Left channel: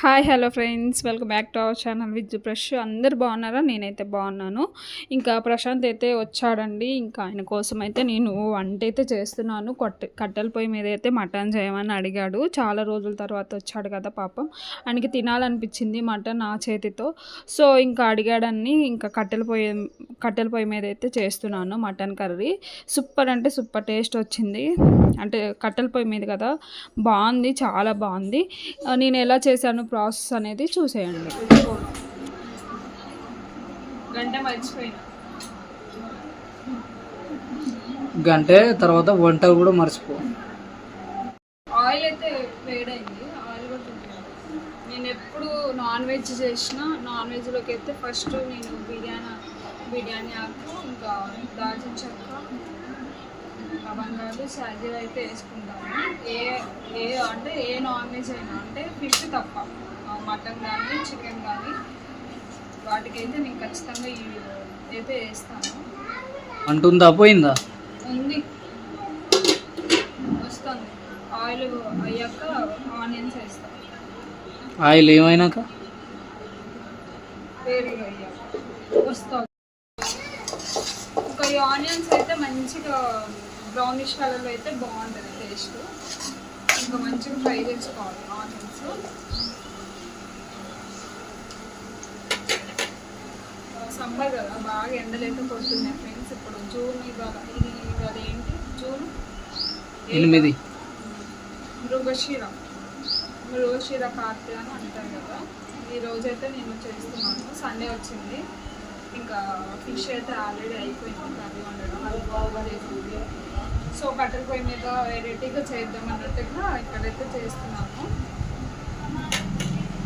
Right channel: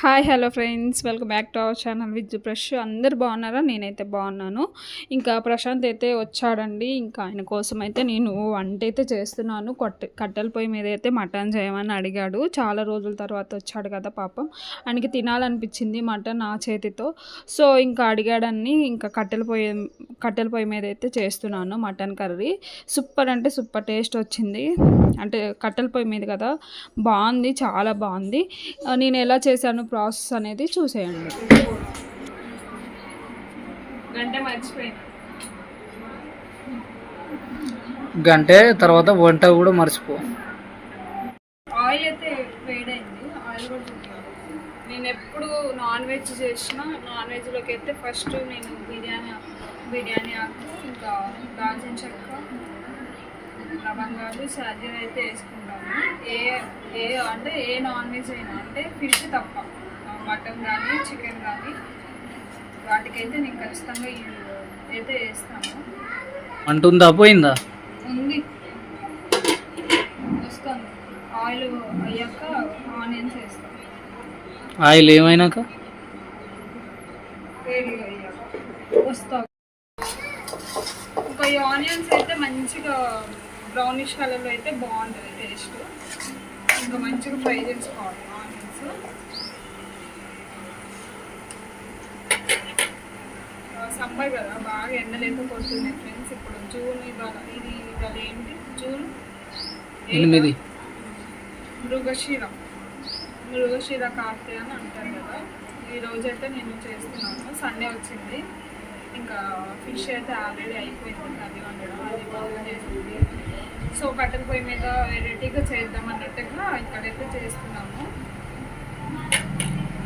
Hi hello friends, welcome back to our channel with brush. అందరు బాగున్నారా? నేనైతే బాగున్నాను. ఇంకా ప్రశాంత్ అయితే వచ్చాడండి. ఇంకా ఆయన కోసం అయితే నేను వంట అయితే చేస్తున్నాను. కట్టెల పొయ్యి మీద అయితే మటన్ చేయమని అడిగాడు. చాలా రోజుల తర్వాత వచ్చాడు కదా పాపం, ఆయనకి తినాలనిపించింది మటన్ ఆ చేతితో. సో ఇంకా అడిగాడని ఇంకా కట్టెల పొయ్యి మీద అయితే చేస్తున్నాను మటన్ కర్రీ. సూపర్ అంటే సూపర్ టేస్ట్ వచ్చింది. అంటే కట్టెల పొయ్యి మీద కదా, బాగుంది, చాలా బాగుంది. నేను ఎలా చేశాను ప్రాసెస్ అనేది చూసేయండి. గంట తర్వాత వంట కూడా మర్చిపో. ఆయిల్ అయితే వేడైంది, ఆయిల్ కూడా తింటాను. నేను ఎప్పుడు నాన్ వెజ్ చేసిన, నాన్ వెజ్లోకి అయితే ఫస్ట్ నేను బిర్యానీ ఆకు, ఇంకా దాల్చిన చెక్క, లవంగాలు, షాజీరా అయితే వేసుకుంటాను. అంటే ఏ నాన్ వెజ్ అయినా, అంటే ఫిష్ తప్ప, మటన్ కానీ చికెన్ కానీ వాటికైతే నేను ఖచ్చితంగా అయితే వేస్తాను. అంటుందా పోయిందా? ఉంది, వస్తుంది. ఆయిల్ అయ్యాక ఆనియన్స్ వేస్తాను. ఆయిల్ ఏమైనాక వేడిగా అయ్యాక వస్తాం. ఇంకా ఈ ఆనియన్స్ అయితే మంచిగా బ్రౌనిష్ కలర్లో అయితే బాగుంటుంది టేస్ట్. ఇంకా మంచిగా ఫ్రై చేసుకోవాలి ఆనియన్స్. సమ్మర్ కదా, బాగా ఎండలైతే కొడుతున్నాయి ఫ్రెండ్స్. ఇప్పుడు జూన్, ఇవాళ ఏంటి, జూన్ 8. మృగశిర కార్తె అని అంటారు కదా. ఈరోజైతే నేను చేస్తున్నాను. సండే వచ్చింది. ఇంకా ఫిష్ అయితే ఆల్రెడీ అయిపోయింది కర్రీ వండడం, అది బాగా చేసింది. సో కట్టెల పొయ్యి మీద వెరైటీగా చేద్దాం అన్నట్టుగా ఇక్కడైతే చేస్తున్నాము.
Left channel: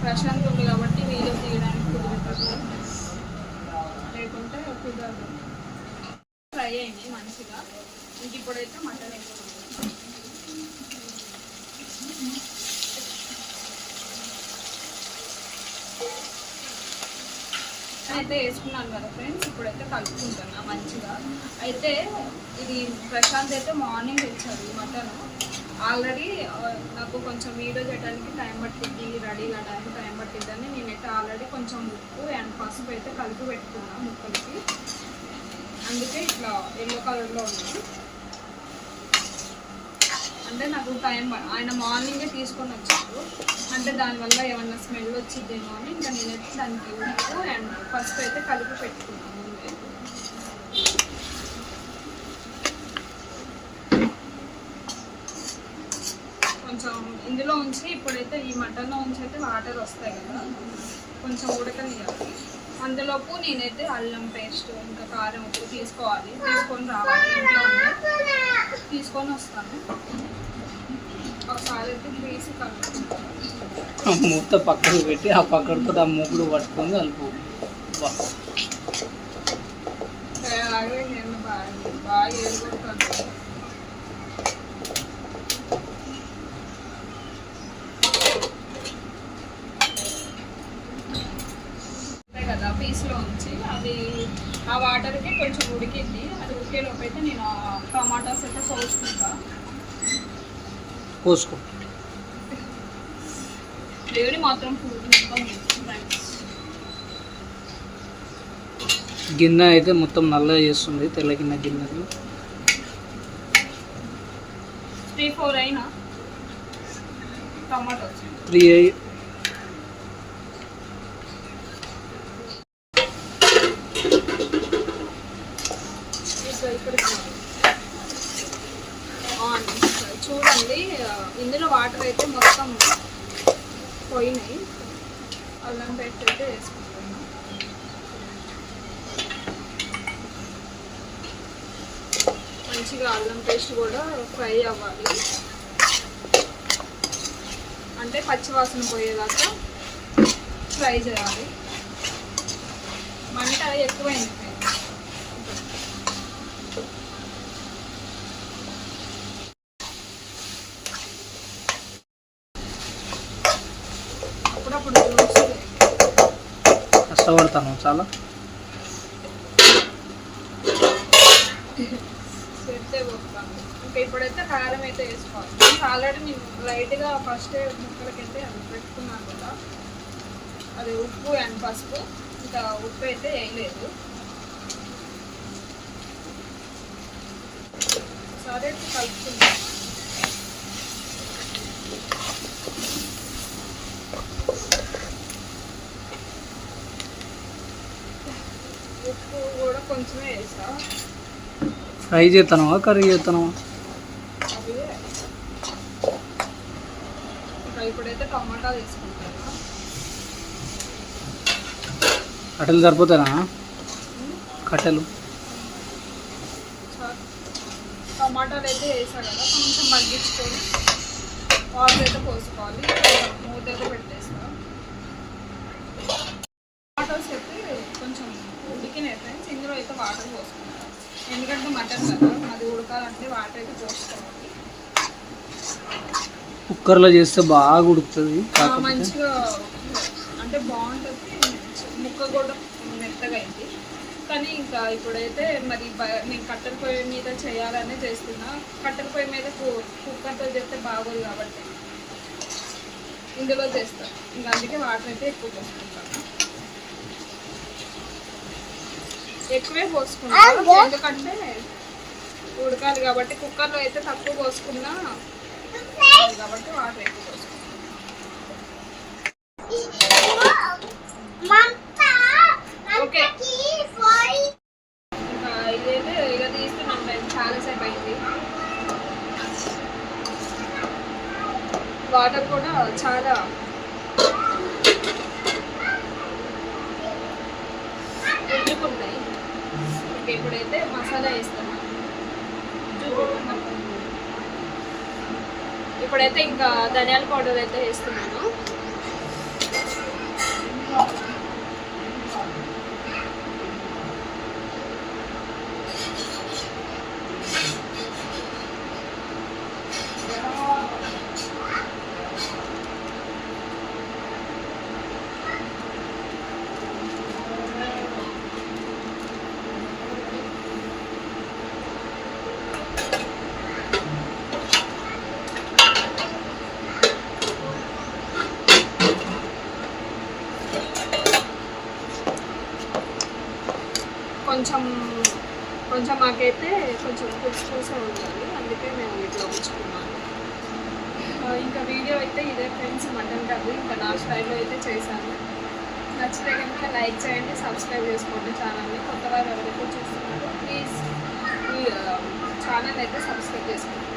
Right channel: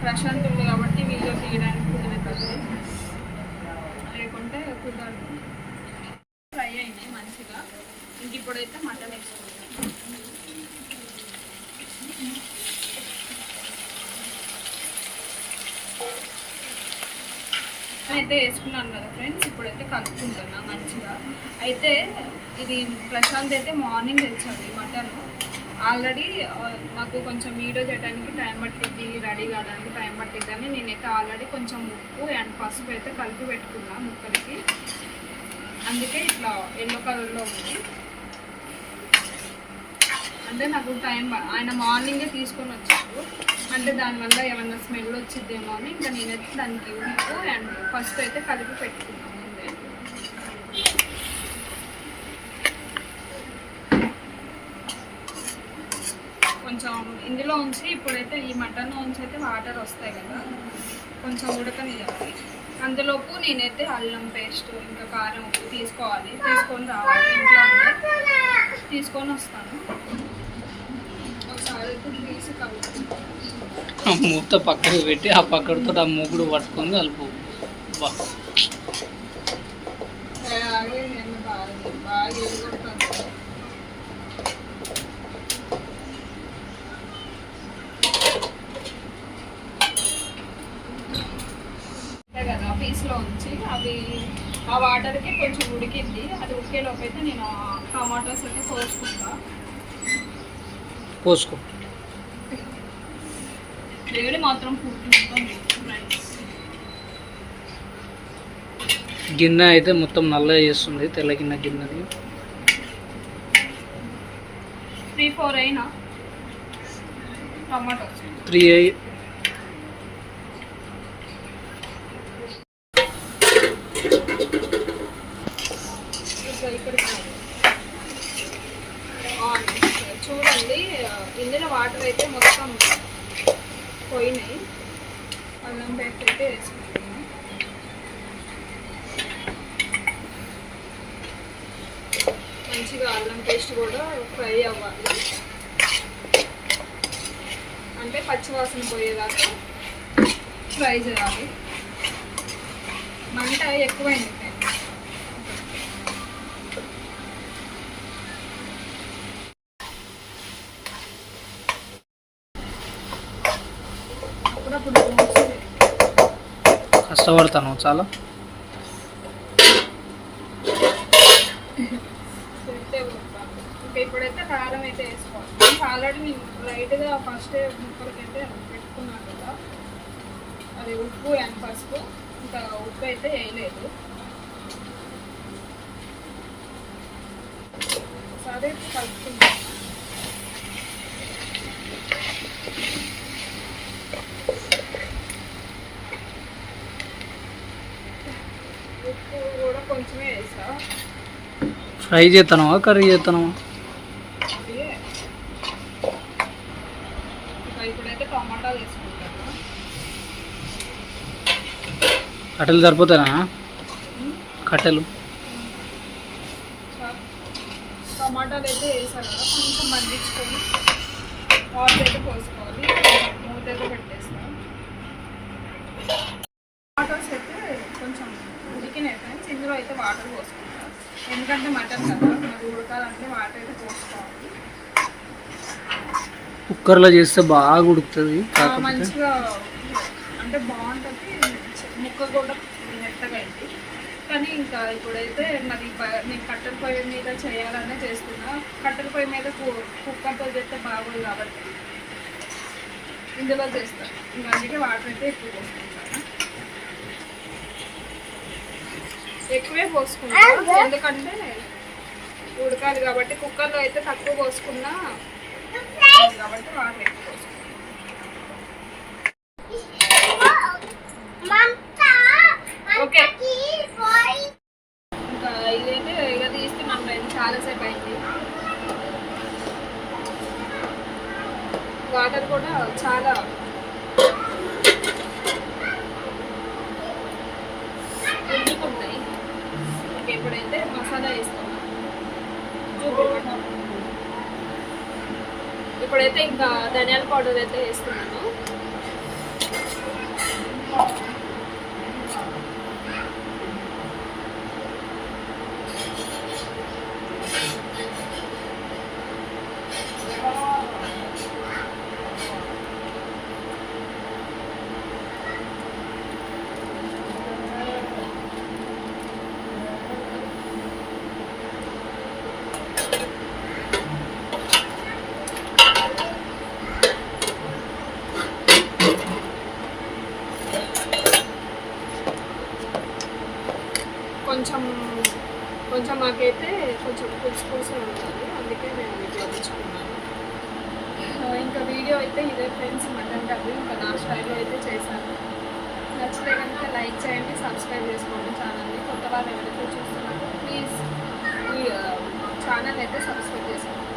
ప్రశాంత్ ఉంది కాబట్టి వీడియో తీయడానికి కుదురుతుంది, లేకుంటే కుదరదు. ఫ్రై అయింది మంచిగా. ఇంక ఇప్పుడైతే మటన్ వేసుకుంటున్నాను. అయితే వేసుకున్నాను కదా ఫ్రెండ్స్, ఇప్పుడైతే కలుపుకుంటున్నా మంచిగా. అయితే ఇది ప్రశాంత్ అయితే మార్నింగ్ తెచ్చాడు ఈ మటన్. ఆల్రెడీ నాకు కొంచెం వీడియో చేయడానికి టైం పట్టిద్ది, రెడీ కావడానికి టైం పట్టిద్దని నేనైతే ఆల్రెడీ కొంచెం ఉప్పు అండ్ పసుపు అయితే కలిపి పెట్టుకున్నా ముక్కలకి. అందుకే ఇట్లా ఎల్లో కలర్లో ఉంది. అంటే నాకు టైం, ఆయన మార్నింగే తీసుకొని వచ్చారు, అంటే దానివల్ల ఏమన్నా స్మెల్ వచ్చిద్దేమో అని ఇంకా నేనైతే దానికి ఉప్పు అండ్ పసుపు అయితే కలిపి పెట్టుకున్నాను ముందే. కొంచెం ఇందులో ఉంచి ఇప్పుడైతే ఈ మటన్లో ఉంచి అయితే వాటర్ వస్తాయి కదా, కొంచెం ఉడకనియాలి. అందులోపు నేనైతే అల్లం పేస్ట్ ఇంకా కారం ఉప్పు తీసుకొని రావాలి. ఇంట్లో తీసుకొని వస్తాను. ఒకసారి అయితే తీసి కలుపు, మూత పక్కకు పెట్టి ఆ పక్కడితో ఆ మూకుడు పట్టుకొని కలుపు. బాగా ఏడుకొడుతుంది. కదా పీస్లో ఉంచి అవి ఆ వాటర్కి కొంచెం ఉడికింది. అది ఉడికేలోపు అయితే నేను టమాటాస్ అయితే కోసుకో. వేడి మాత్రం గిన్నె అయితే మొత్తం నల్లగా చేస్తుంది, తెల్ల గిన్నెది. 3-4 అయినా టమాటాస్ 3 అయ్యి. చూడండి, ఇందులో వాటర్ అయితే మొత్తం పోయినాయి. అల్లం పేస్ట్ అయితే వేసుకుంటున్నాను. మంచిగా అల్లం పేస్ట్ కూడా ఫ్రై అవ్వాలి, అంటే పచ్చివాసన పోయేదాకా ఫ్రై చేయాలి. మంట ఎక్కువైంది. కష్టపడతాను చాలా. ఇంకా ఇప్పుడైతే కారం అయితే వేసుకోవాలి. ఆల్రెడీ నేను లైట్గా ఫస్ట్ ముక్కలకైతే పెట్టుకున్నాను కదా, అది ఉప్పు అండ్ పసుపు, ఇంకా ఉప్పు అయితే వేయలేదు. ఒకసారి కలుపుకుంటాం. ఉప్పు కూడా కొంచెమే వేసా. ఫ్రై చేస్తానవా కర్రీ చేస్తానవా? అది ఇంకా ఇప్పుడైతే టమాటా తీసుకుంటాను. కట్టెలు సరిపోతానా? కట్టెలు టమాటాలు అయితే వేసాను కదా, కొంచెం మగ్గించుకొని వాటర్ అయితే పోసుకోవాలి. మూత అయితే పెట్టేస్తాను. టమాటోస్ అయితే కొంచెం ఉడికినాయి ఫ్రెండ్స్. ఇందులో అయితే వాటర్ పోసుకుంటాం, ఎందుకంటే మటన్ కదా, అది ఉడకాలంటే వాటర్ అయితే పోసుకోవాలి. కుక్కర్లో చేస్తే బాగా ఉడుకుతుంది, మంచిగా అంటే బాగుంటుంది, ముక్క కూడా మెత్తగా అయింది. కానీ ఇంకా ఇప్పుడైతే మరి నేను కట్టెల పొయ్యి మీద చేయాలనే చేస్తున్నా. కట్టెల పొయ్యి మీద కుక్కర్తో చేస్తే బాగోదు కాబట్టి ఇందులో చేస్తాను. ఇంకా అందుకే వాటర్ అయితే ఎక్కువ పోసుకుంటాను. ఎక్కువే పోసుకుంటాను ఎందుకంటే ఉడకాలి కాబట్టి. కుక్కర్లో అయితే తక్కువ పోసుకున్నా కాబట్టి వాటర్ ఎక్కువ పోసుకుంటాను. ఓకే, ఇంకా ఇదైతే ఇక తీస్తున్నాం. చాలాసేపు అయింది. వాటర్ కూడా చాలా ఉడుకున్నాయి. ఓకే, ఇప్పుడైతే మసాలా వేస్తాను. ఇప్పుడైతే ఇంకా ధనియాల పౌడర్ అయితే వేస్తున్నాను. కొంచెం మాకైతే కొంచెం పులుసు ఉండాలి, అందుకే మేము ఇట్లా ఉంచుకున్నాను. ఇంకా వీడియో అయితే ఇదే ఫ్రెండ్స్, మటన్ కర్రీ ఇంకా నా స్టైల్లో అయితే చేశాను. నచ్చితే కనుక లైక్ చేయండి, సబ్స్క్రైబ్ చేసుకోండి ఛానల్ని. కొత్త వారు ఎవరైతే చూస్తున్నారో ప్లీజ్ ఈ ఛానల్ అయితే సబ్స్క్రైబ్ చేసుకోండి.